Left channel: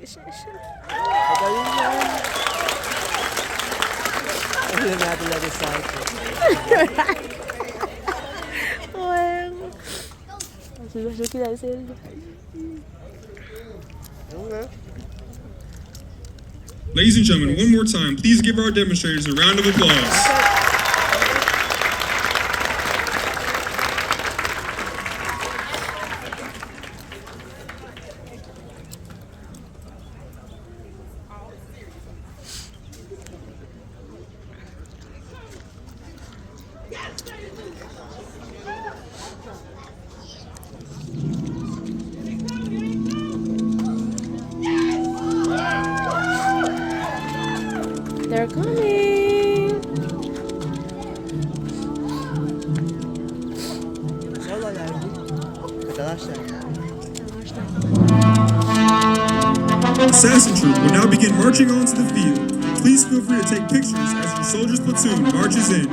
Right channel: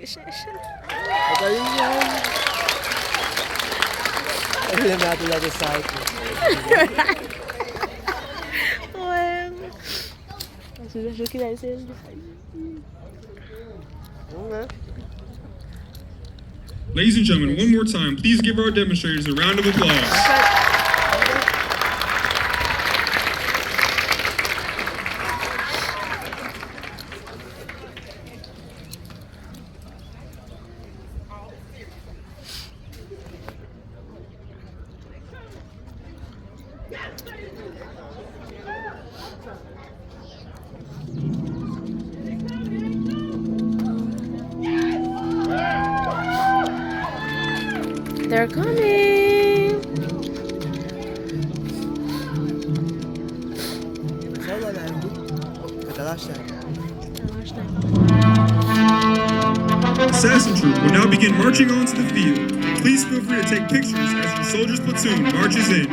Magaling yan. Ayun natin lang sa cycle. Je qu'il a essayé. Ladies and gentlemen, one more time, please give our demonstrators a round of applause. They're coming. Assassin Troop will now begin marching onto the field. Please feel free to take pictures as your soldiers' platoon marches in.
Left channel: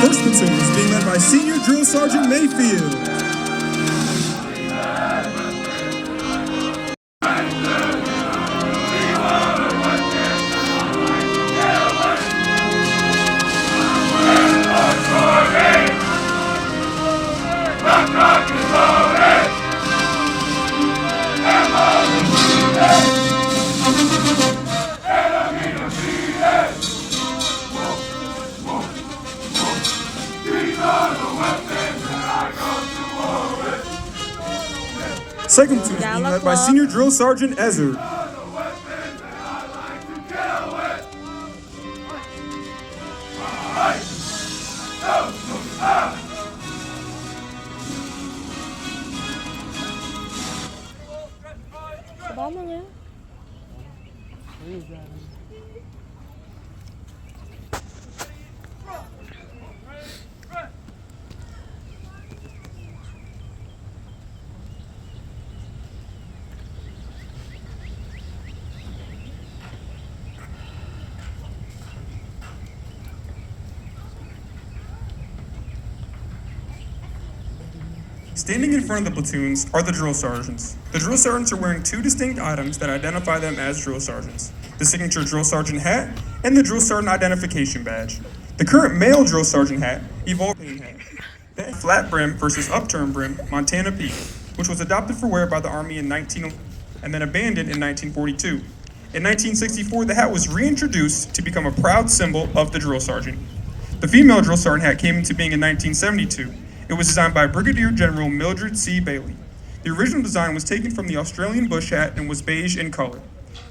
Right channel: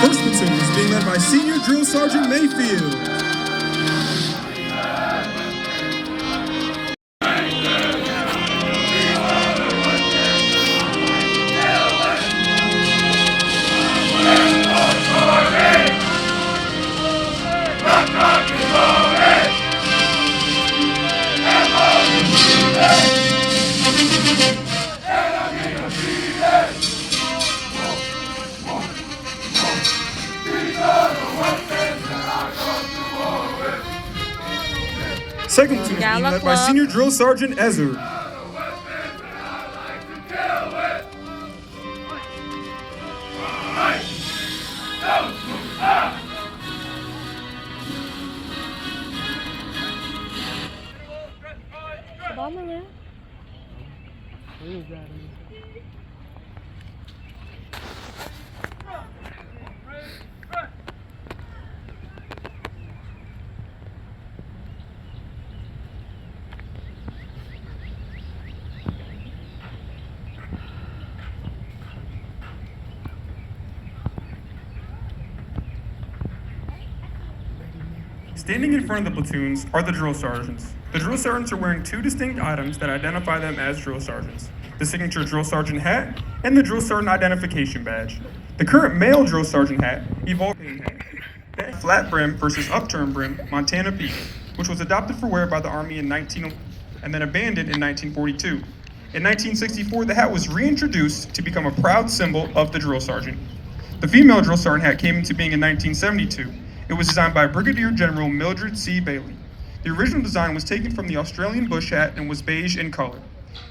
First platoon is being led by Senior Drill Sergeant Mayfield. Second platoon is being led by Senior Drill Sergeant Ezer. Standing in front of the platoons are the drill sergeants. The drill sergeants are wearing two distinct items that identify them as drill sergeants: the signature drill sergeant hat and the drill sergeant identification badge. The current male drill sergeant hat evolved hat, flat brim versus upturned brim Montana P, which was adopted for wear by the Army in 19 and then abandoned in 1942. In 1964, the hat was reintroduced to become a proud symbol of the drill sergeant. The female drill sergeant hat came into being in 1972. It was designed by Brigadier General Mildred C. Bailey. The original design was taken from the Australian bush hat and was beige in color.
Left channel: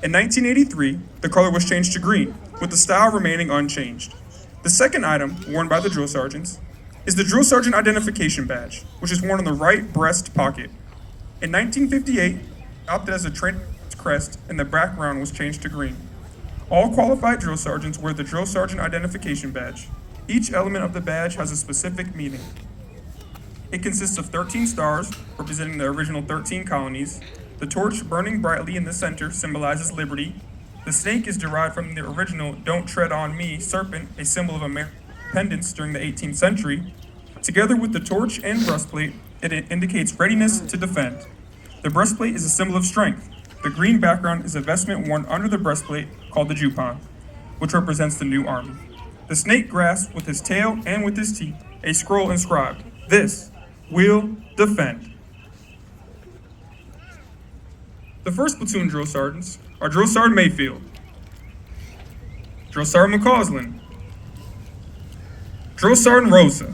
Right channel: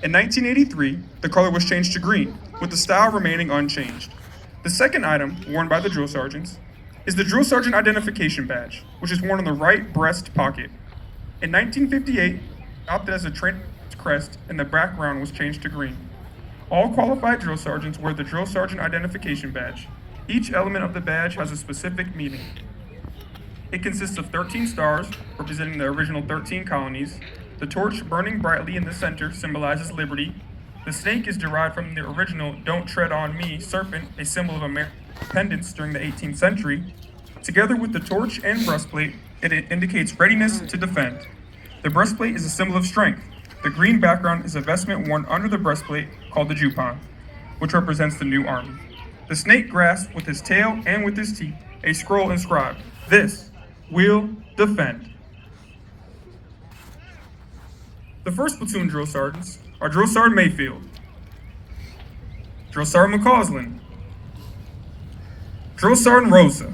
In 1983, the color was changed to green, with the style remaining unchanged. The second item, worn by the drill sergeants, is the Drill Sergeant Identification Badge, which is worn on the right breast pocket. In 1958, adopted as a trained crest, and the background was changed to green. All qualified drill sergeants wear the Drill Sergeant Identification Badge. Each element of the badge has a specific meaning. It consists of 13 stars, representing the original 13 colonies. The torch burning brightly in the center symbolizes liberty. The snake is derived from the original "Don't Tread on Me" serpent, a symbol of American independence during the 18th century. Together with the torch and breastplate, it indicates readiness to defend. The breastplate is a symbol of strength. The green background is a vestment worn under the breastplate called the Jupan, which represents the new army. The snake grasps with his tail and with his teeth a scroll inscribed, "This will defend." The first platoon drill sergeants are Drill Sergeant Mayfield, Drill Sergeant McCausland, Drill Sergeant Rosa,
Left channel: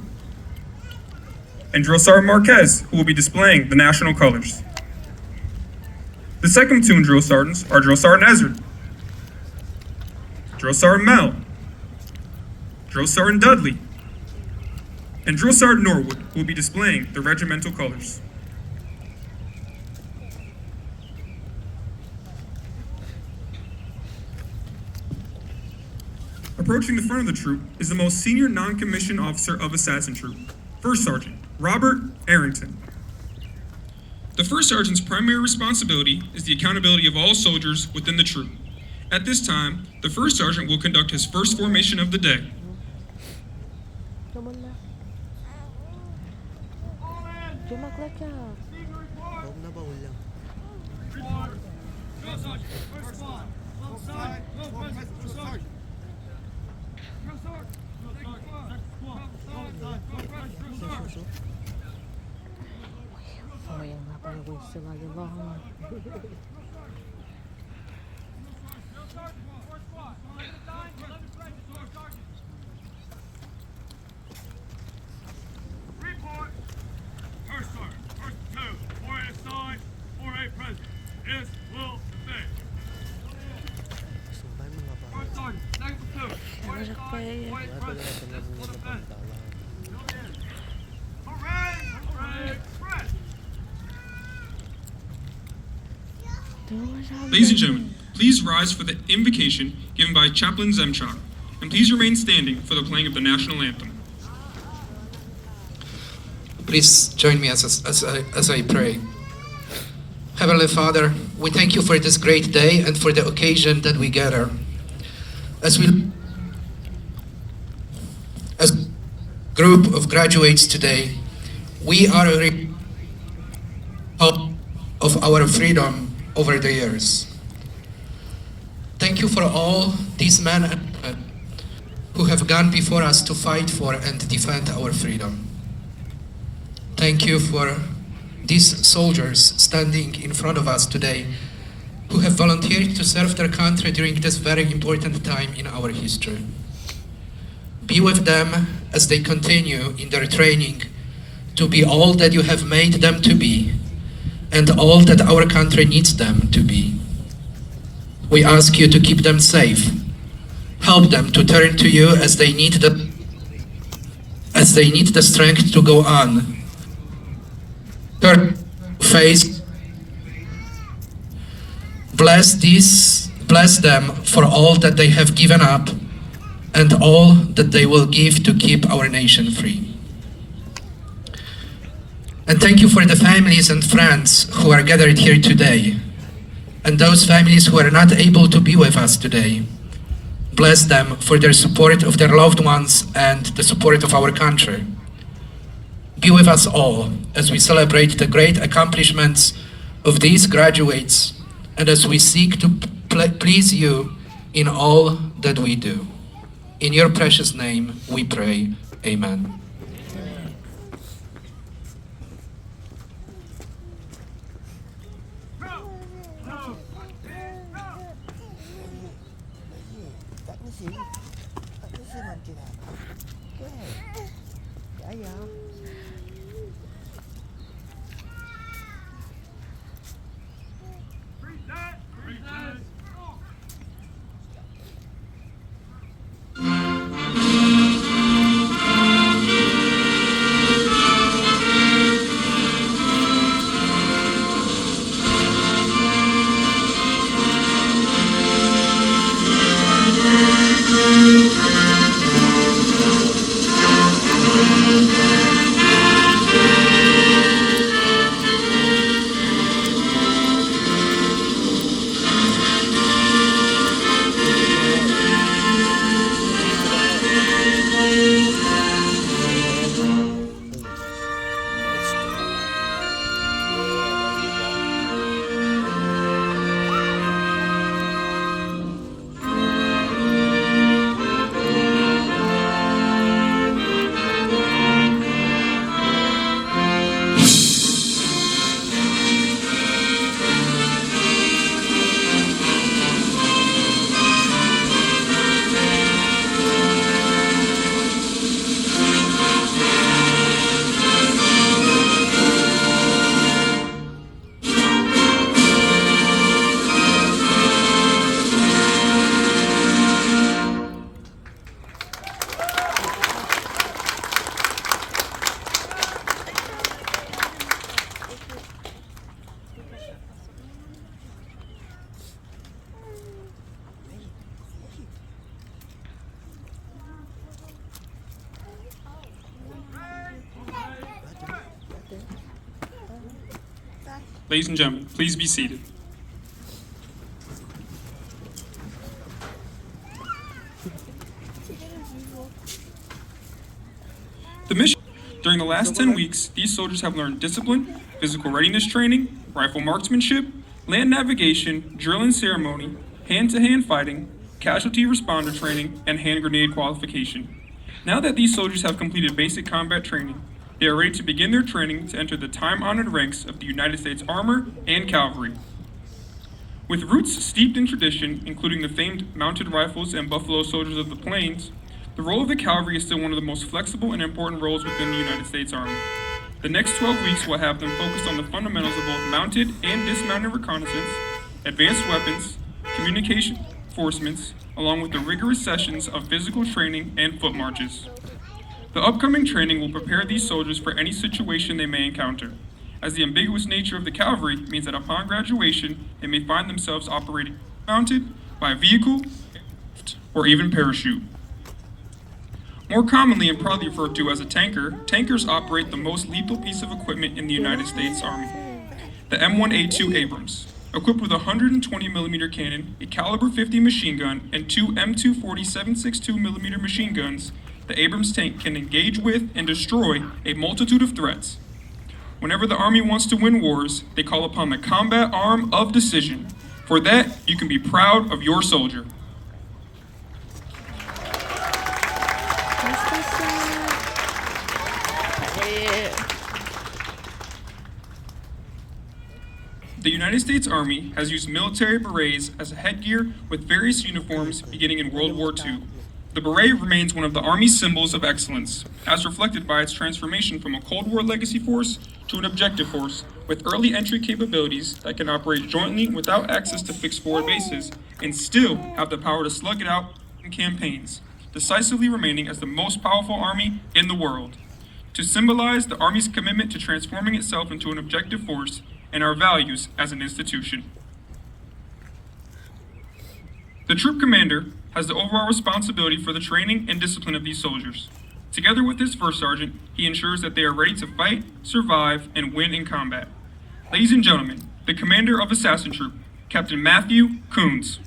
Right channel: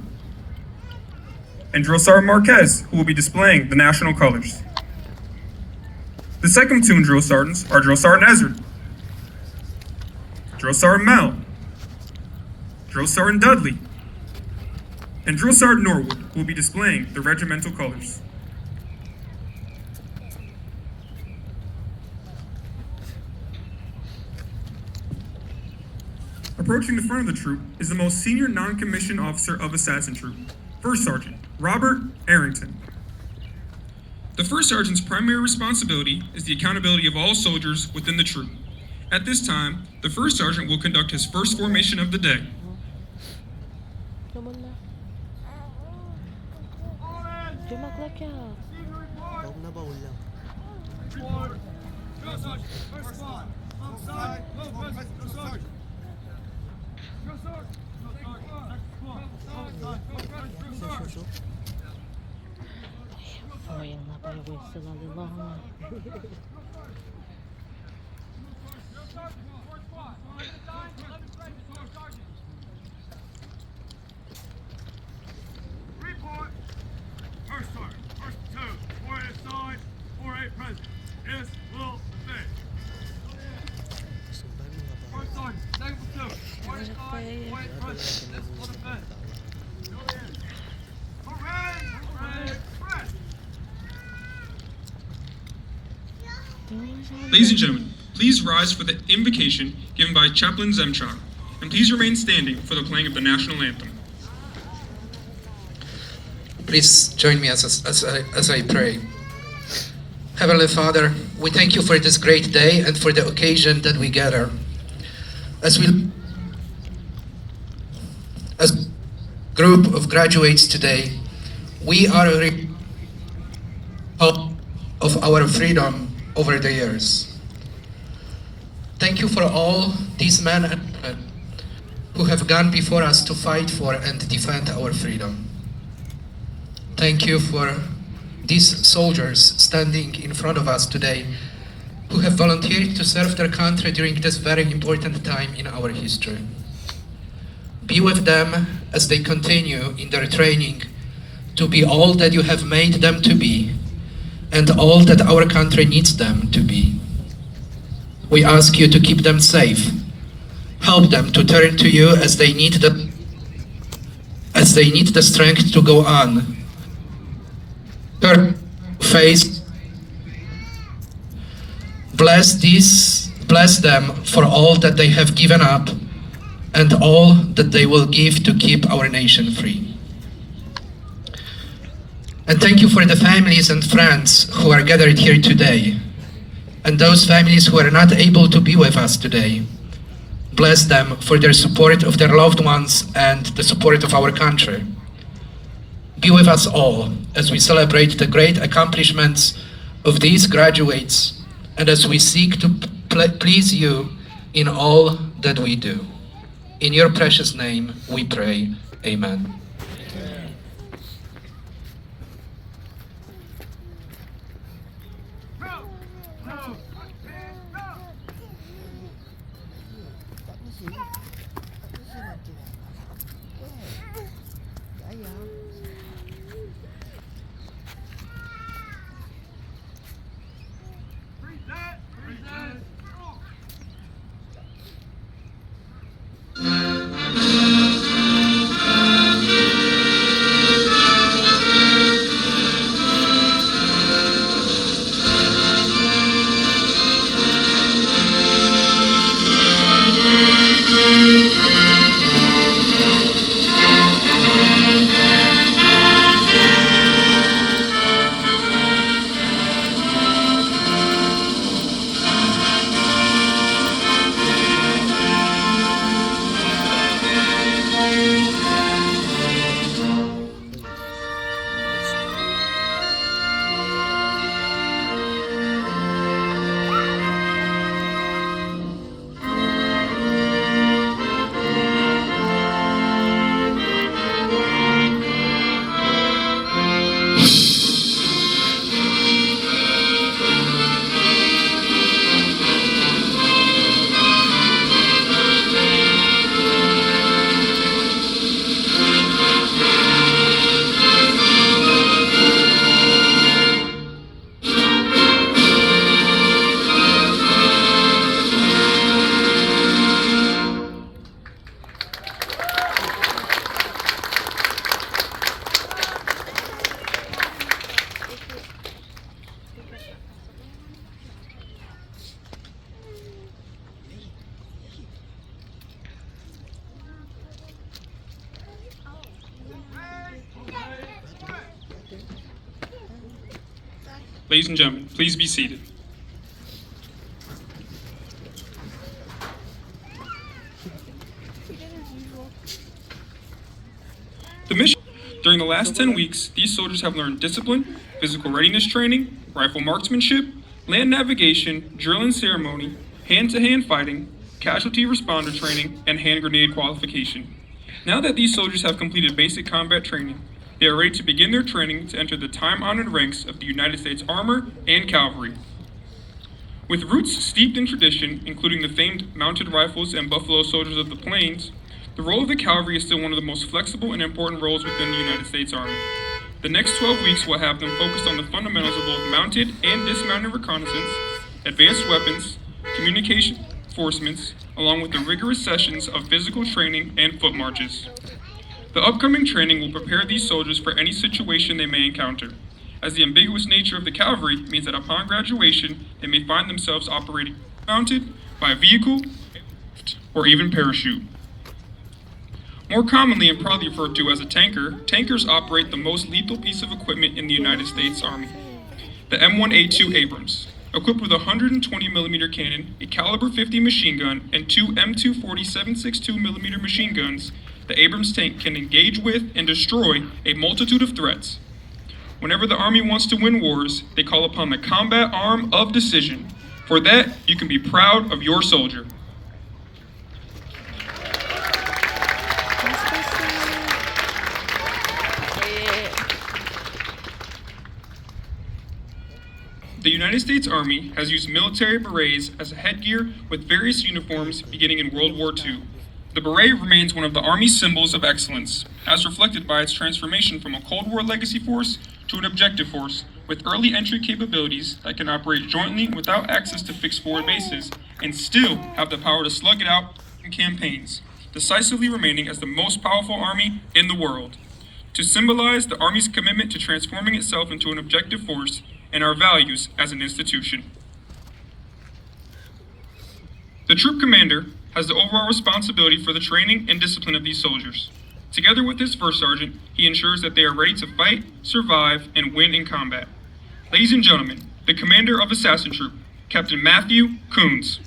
and Drill Sergeant Marquez, who will be displaying the national colors. The second platoon drill sergeants are Drill Sergeant Ezra, Drill Sergeant Mel, Drill Sergeant Dudley, and Drill Sergeant Norwood will be displaying the regimental colors. Approaching the front of the troop is the most senior non-commissioned officer of Assassin Troop, First Sergeant Robert Arrington. The First Sergeant's primary responsibility is the accountability of all soldiers within the troop. At this time, the First Sergeant will conduct his first formation of the day. Come on now. Jumaklaka. Baog na baul lang. Foil na pa yung whistle all along. Report. First sergeant, first two, 4A assigned, 4A present. Is, will, obey. First sergeant, second platoon, 4A assigned, 4A present. Is, will, defend. Parade, press. Ladies and gentlemen, please rise for the invocation given by Chaplain Zemchuk, and please remain standing for the playing of the national anthem. Please join me as I pray. Heavenly Father, we thank you for this great day and for the occasion that we gather. As group of graduates today, we are a of our freedom over the years. Thank you for all these men and women who have gone before us to fight for and defend our freedom. Thank you for these soldiers standing in front of us today who have volunteered to serve their country during this very important time in our history. Be with them as they continue in their training to be all that you have made them to be and all that our country needs them to be. We ask you to keep them safe. Help them to turn to you as they need the strength to go on. Turn face. Bless them for all that they have given up and all that they will give to keep our nation free. And thank you for the families and friends who are gathered here today, and those families who are not able to be with us today. Bless them for their support of their loved ones and the support of our country. Be with us all as we celebrate the great accomplishments of these graduates and as we seek to please you in all that we do. In your precious name we pray. Amen. Ladies and gentlemen, please be seated. The mission. During the last 10 weeks, these soldiers have learned discipline, physical readiness training, rifle marksmanship, land navigation, drill and ceremony, hand-to-hand fighting, casualty responder training, and hand grenade qualification. Now that these soldiers have completed basic combat training, they are ready to begin their training to enter the time-honored ranks of the United States Armor and Cavalry. With roots steeped in tradition, including the famed mounted rifles and Buffalo Soldiers of the Plains, the role of the cavalry is still one of the most flexible and important roles within the United States Army. The next 12 weeks will have them focused on the fundamentals of both mounted and dismounted reconnaissance, advanced weapons, communication enforcements, along with the rigorous sessions of physical training and foot marches. The upcoming training will prepare these soldiers for any situation they may encounter, as the ambiguous nature of the cavalry means that upon graduation, they may find themselves operating mounted by a vehicle or even parachute. More commonly and proudly referred to as a tanker, tankers operate the most lethal piece of equipment in the United States Army, the M1A2 Abrams. Equipped with a 120mm cannon, a caliber 50 machine gun, and two M240 7.62mm machine guns, the Abrams tank can engage with and destroy a multitude of threats. Whenever the Army wants to win wars, they call upon the combat arm of decision. For that, you can be proud of your soldier. The United States Army has used military berets as a headgear with various uniforms beginning in World War II. The beret remains one of the Army's symbols of excellence, as reflected by its transformation from a Cold War legacy force to an objective force with early entry capabilities that can operate jointly without access to fixed forward bases and still have the power to slug it out in campaigns, decisively remaining as the most powerful army in the world. To symbolize the Army's commitment to transforming itself into an objective force and our values as an institution. The troop commander has the overall responsibility for the training and discipline of these soldiers. Together with his first sergeant, he ensures that they are ready to fight, survive, and win in combat. Ladies and gentlemen, the commander of Assassin Troop, Captain Matthew Coons.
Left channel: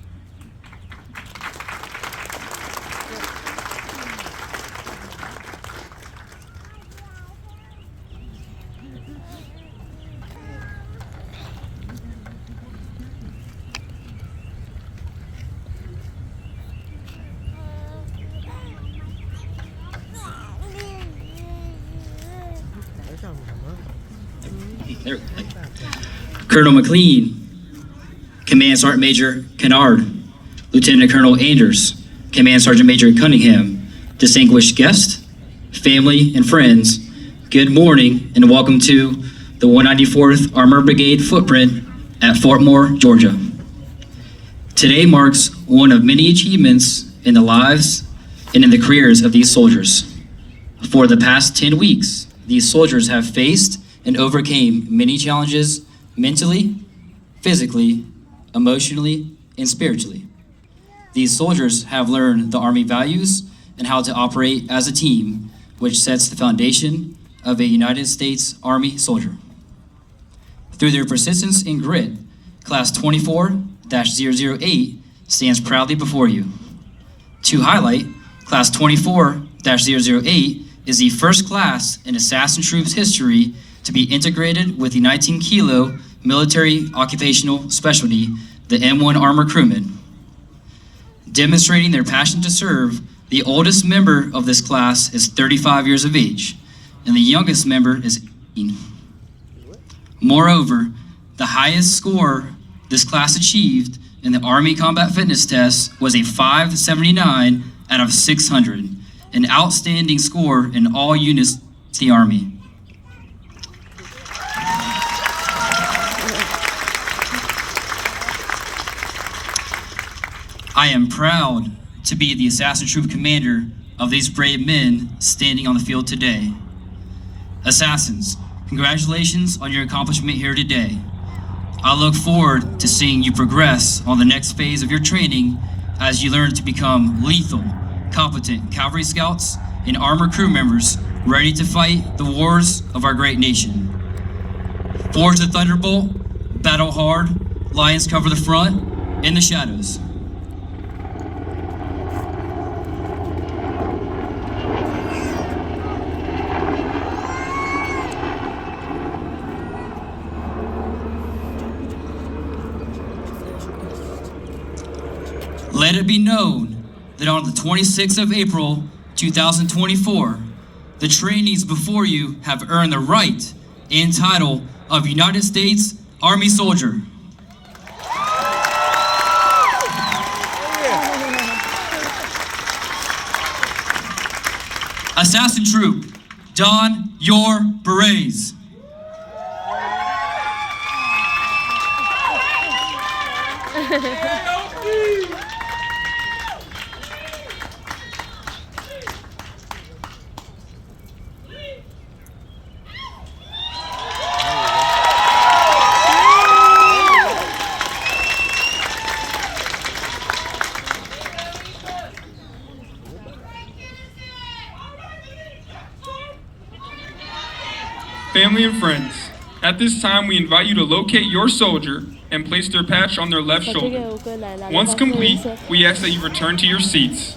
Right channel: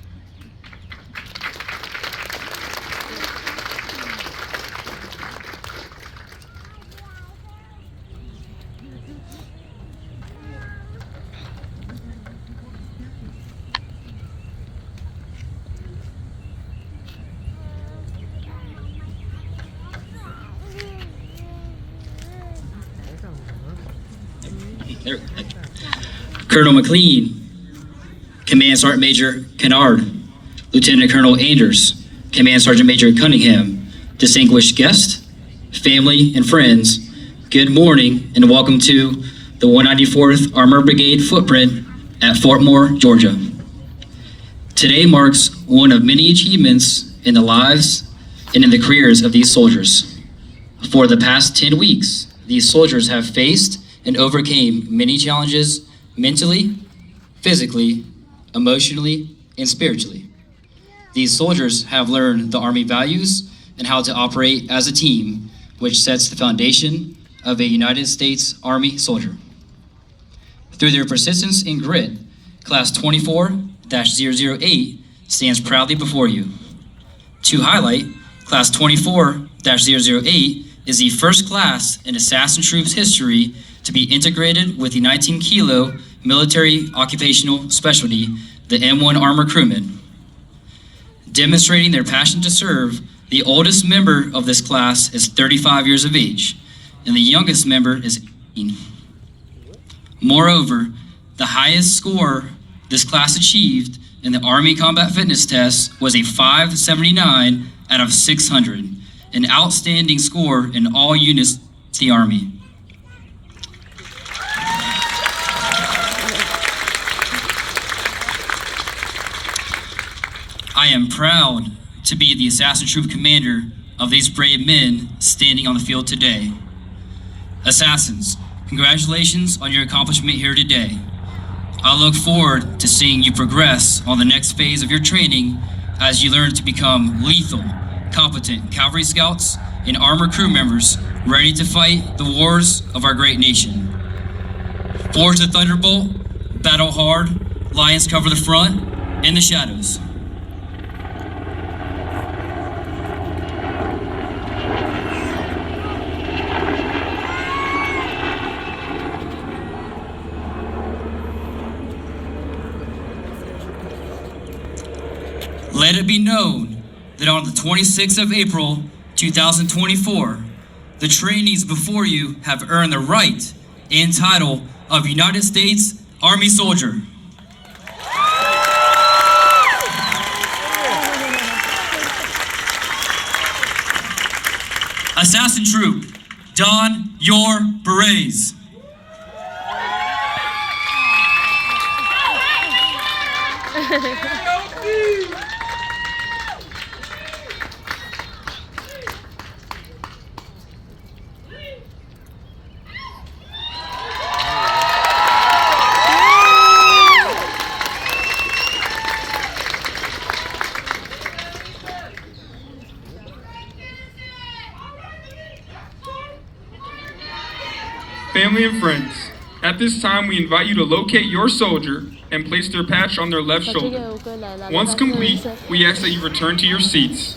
Colonel McLean, Command Sergeant Major Kennard, Lieutenant Colonel Anders, Command Sergeant Major Cunningham, distinguished guests, family, and friends, good morning and welcome to the 194th Armored Brigade footprint at Fort Moore, Georgia. Today marks one of many achievements in the lives and in the careers of these soldiers. For the past 10 weeks, these soldiers have faced and overcame many challenges mentally, physically, emotionally, and spiritually. These soldiers have learned the Army values and how to operate as a team, which sets the foundation of a United States Army soldier. Through their persistence and grit, Class 24-008 stands proudly before you. To highlight, Class 24-008 is the first class in Assassin Troops history to be integrated with the 19 Kilo military occupational specialty, the M1 Armor Crewman. Demonstrating their passion to serve, the oldest member of this class is 35 years of age, and the youngest member is 18. Moreover, the highest score this class achieved in the Army Combat Fitness Test was a 579 out of 600, an outstanding score in all units of the Army. I am proud to be the Assassin Troop commander of these brave men standing on the field today. Assassins, congratulations on your accomplishment here today. I look forward to seeing you progress on the next phase of your training as you learn to become lethal, competent cavalry scouts and armor crew members ready to fight the wars of our great nation. Forge the Thunderbolt battle hard, lions cover the front, in the shadows. Let it be known that on the 26th of April, 2024, the trainees before you have earned the right and title of United States Army Soldier. Assassin Troop, don your berets. Family and friends, at this time we invite you to locate your soldier and place their patch on their left shoulder. Once complete, we ask that you return to your seats.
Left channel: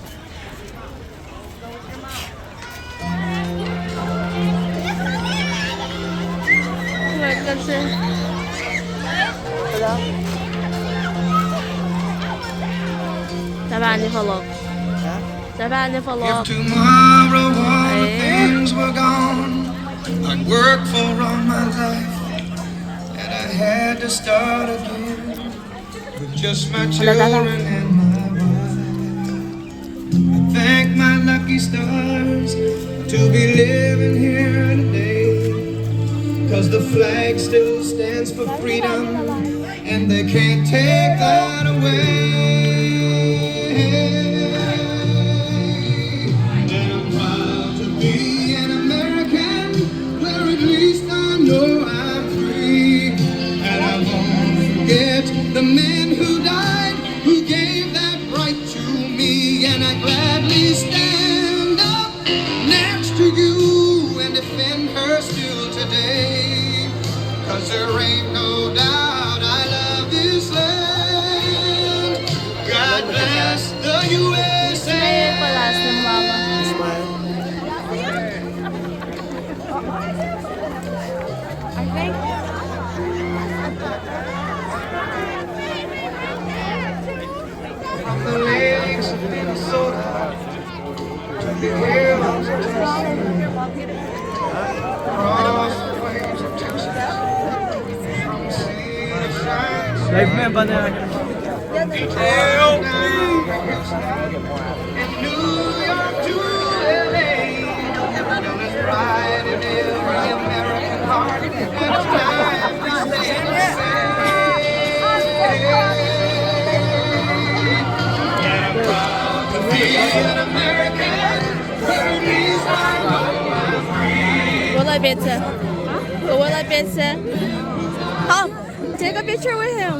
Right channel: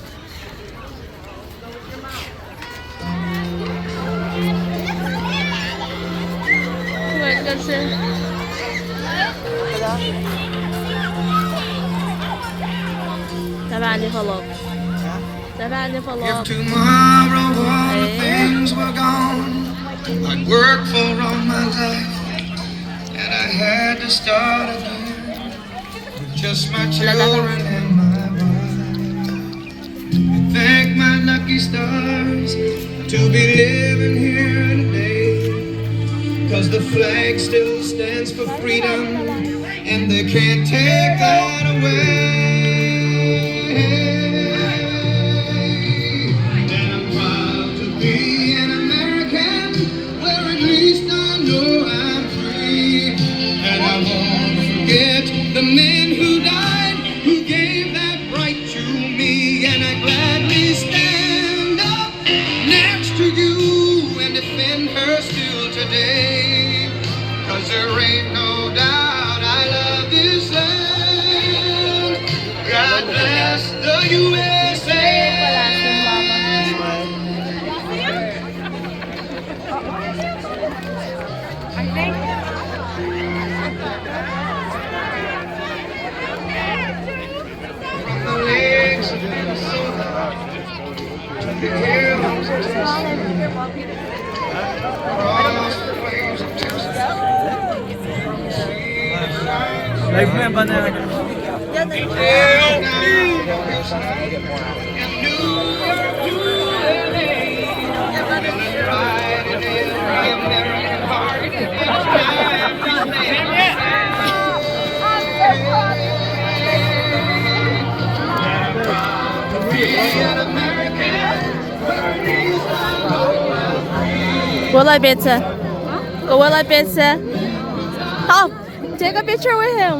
تبعني فلوق تبعني فلوق Tomorrow all things were gone. I'd worked for all my life, and I had to start again with just my children and my wife. I thank my lucky stars to be living here today, 'cause the flag still stands for freedom, and they can't take that away. The men who died, who gave that right to me, and I gladly stand up next to you and defend her still today. 'Cause there ain't no doubt I love this land. God bless the USA. Live na ba na? Will I pizza? Will I pizza? Oh, take a picture with him.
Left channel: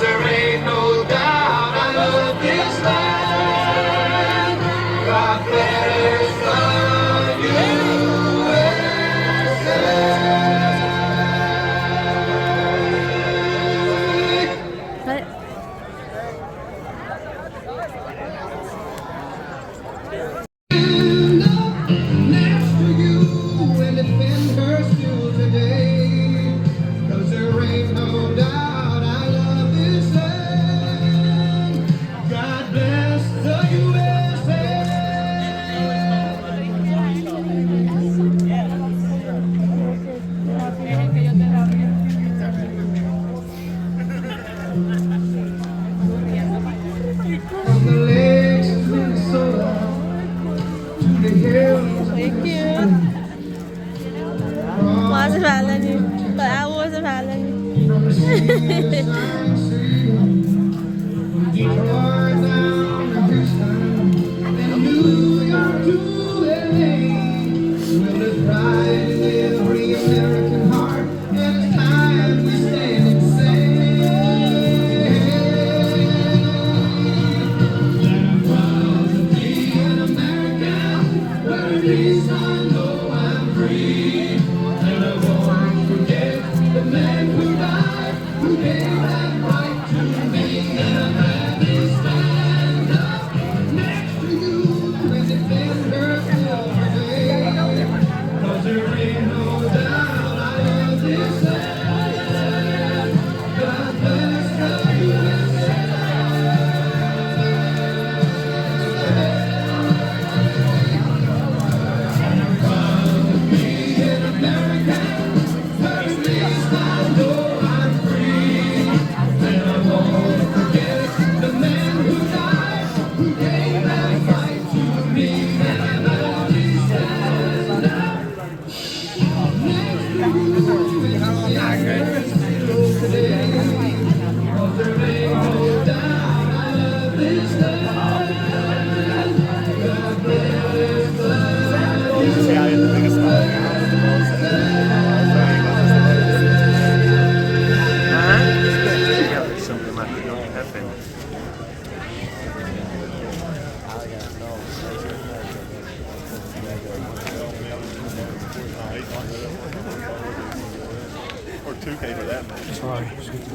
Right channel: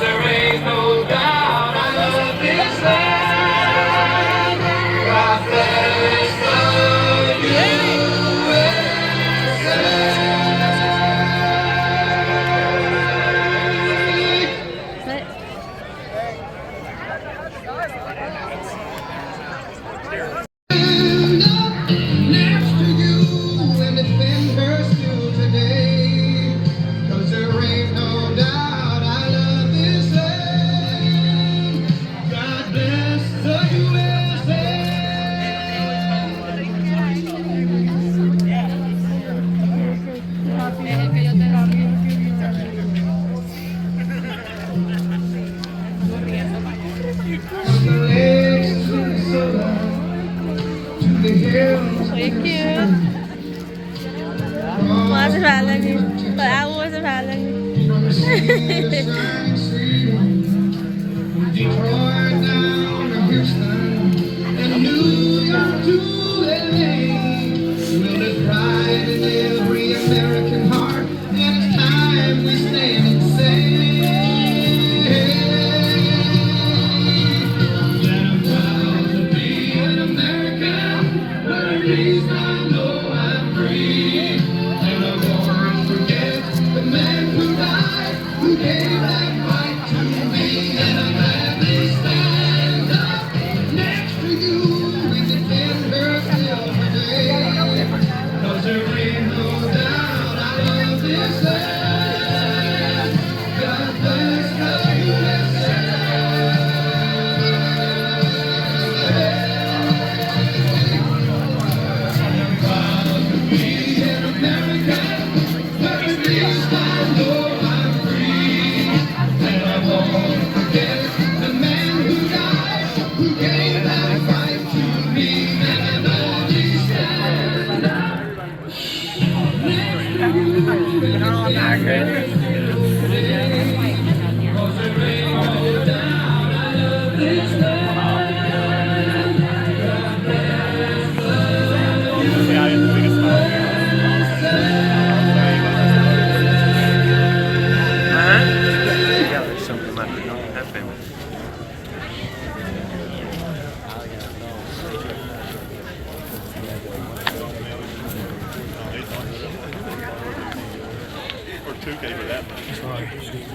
There ain't no doubt I love this land. God bless the next to you and defend her still today. 'Cause there ain't no doubt I love this land. God bless the USA. From the lakes of Minnesota to the hills of Thank you. What's the value? But I was the value. Detroit down to Houston and New York to LA. We'll live pride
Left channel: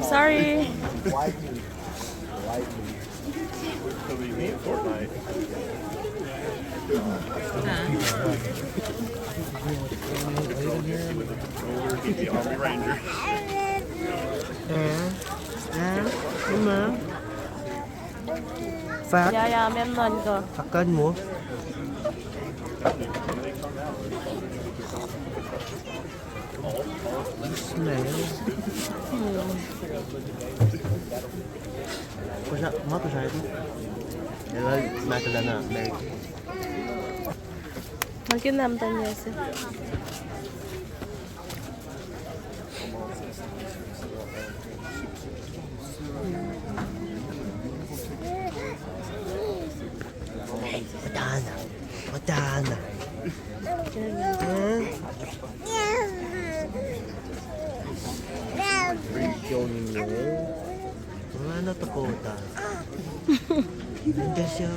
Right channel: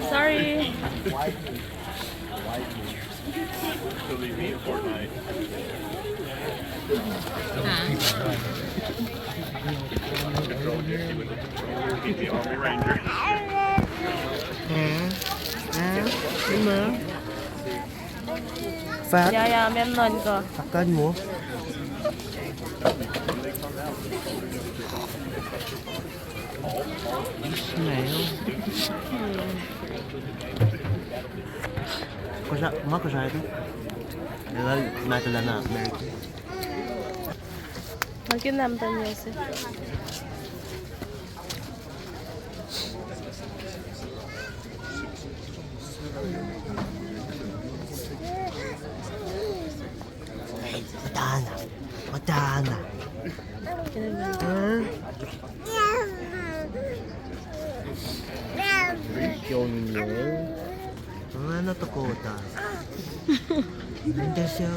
Sorry. Đúng mà. Phát. Dạ dạ em lên cơ. Phát kênh mua. Này. Mất cái gì? Để lại cái lần nào đây. Makinam tanesi. Madana. Yung ano to po ta? Hindi siya.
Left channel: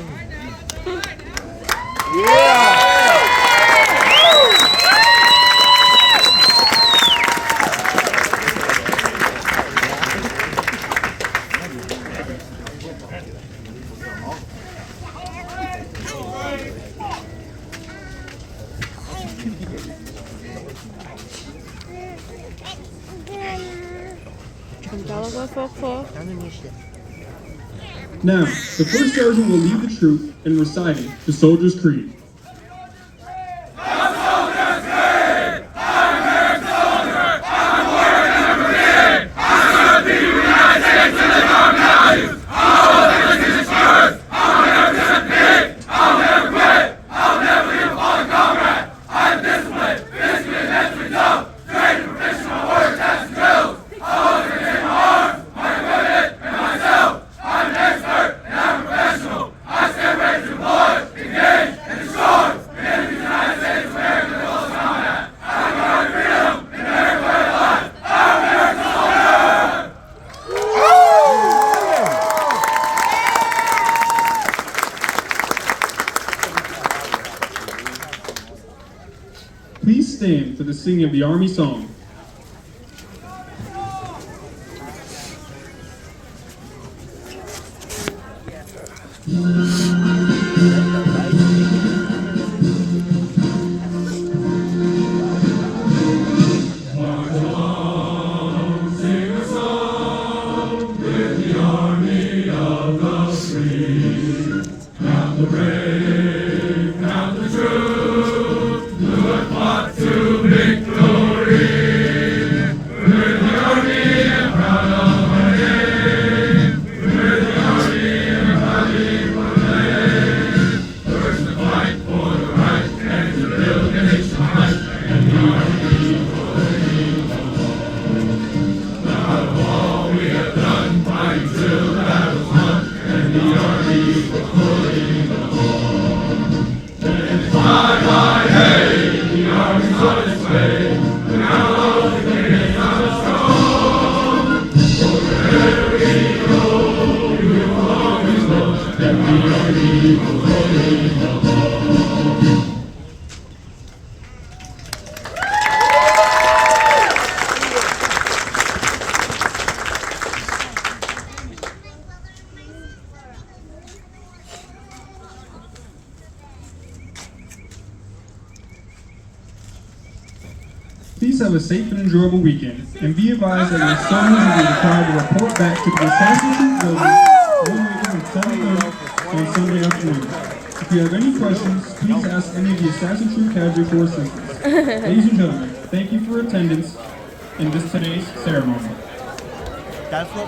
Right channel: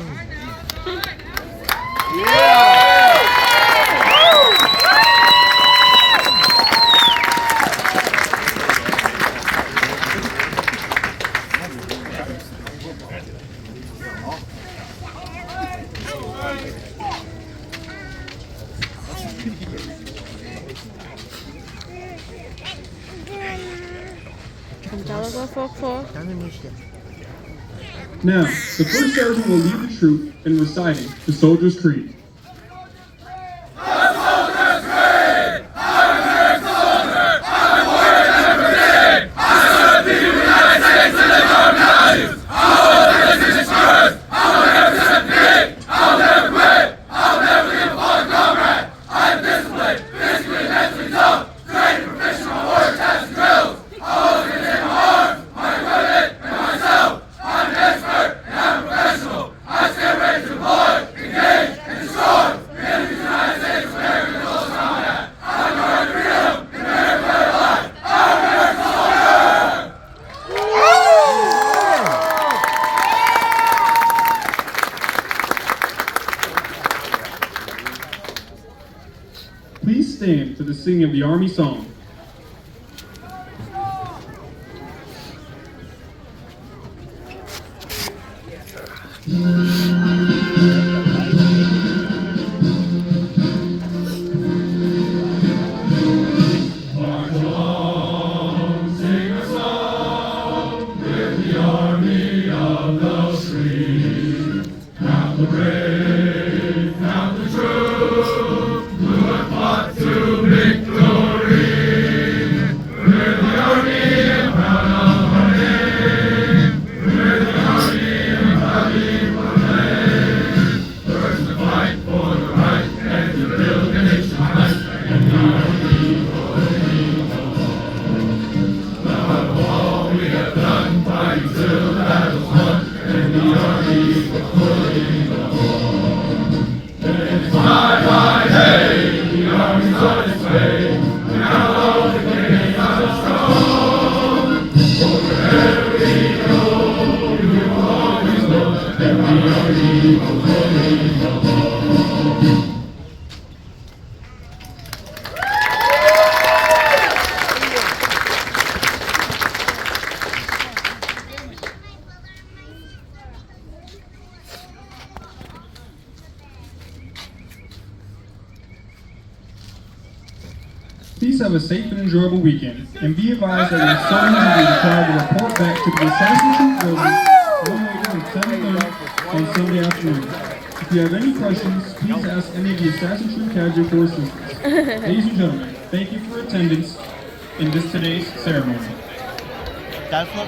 Now, the first sergeant will lead the troop in reciting the Soldier's Creed. Please stand for the singing of the Army song. Please have a safe and enjoyable weekend, and be advised that your soldiers will be required to report back to the Assassin's Creed building no later than 7 a.m. on Sunday afternoon. If you have any questions, please ask any of the Assassin's Creed cadre for assistance. Ladies and gentlemen, thank you for your attendance in today's ceremony. That's what